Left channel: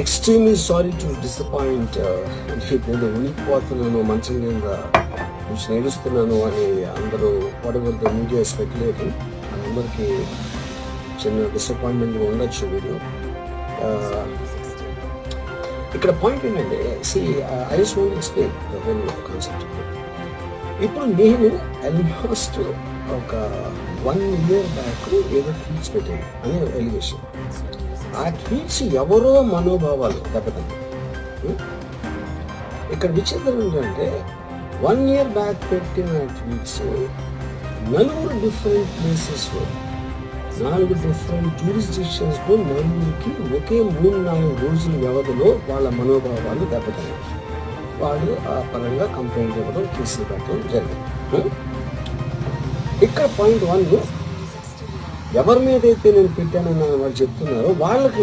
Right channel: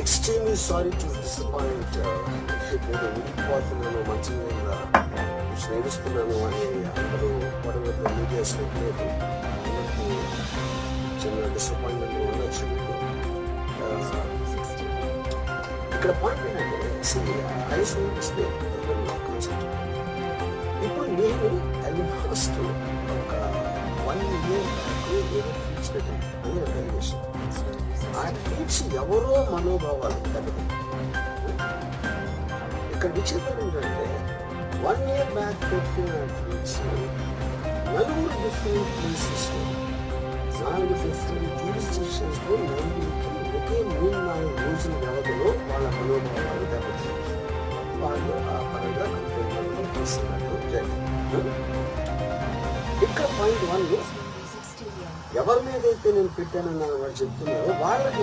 Extremely sorry to disappoint. నేను ఉనికిపోతున్నాను, మంచం మీద నుంచి నేడుస్తున్నాను అని అందరూ పడవలతో మీడియా స్పెక్యులేట్. అందరికీ చిన్న డిసప్పాయింట్మెంట్ ఉండొచ్చు. ఇక్కడ పాయింట్ ఏంటంటే I just want to explain concept. ఇప్పుడు నేను ఆల్మోస్ట్ ఒక 1 year బ్యాక్ ఏదో ట్వీట్స్ పెట్టాను అని ఎలివేషన్. ఆ ట్వీట్స్ ఎవరో మనోభావాలు దెబ్బతాయి. ఇక్కడ విచిత్రం ఏంటంటే 1 year బ్యాక్ పెట్టిన ట్వీట్స్ 4 డిఫరెంట్ ప్లేసెస్లో 4 డిఫరెంట్ జ్యూరిస్డిక్షన్స్లో 4కి ఒకే 3-4 రోజుల వ్యవధిలో వాళ్ళ మనోభావాలు దెబ్బతాయి. వాళ్ళు ఆ పరంగా కంప్లైంట్ ఇవ్వడం, కేసు పెట్టడం జరిగింది. ఇక్కడ పాయింట్ 1, ఎవరి మీద అయితే నేను పెట్టానని వాళ్ళు చెప్తున్నారో వాళ్ళకి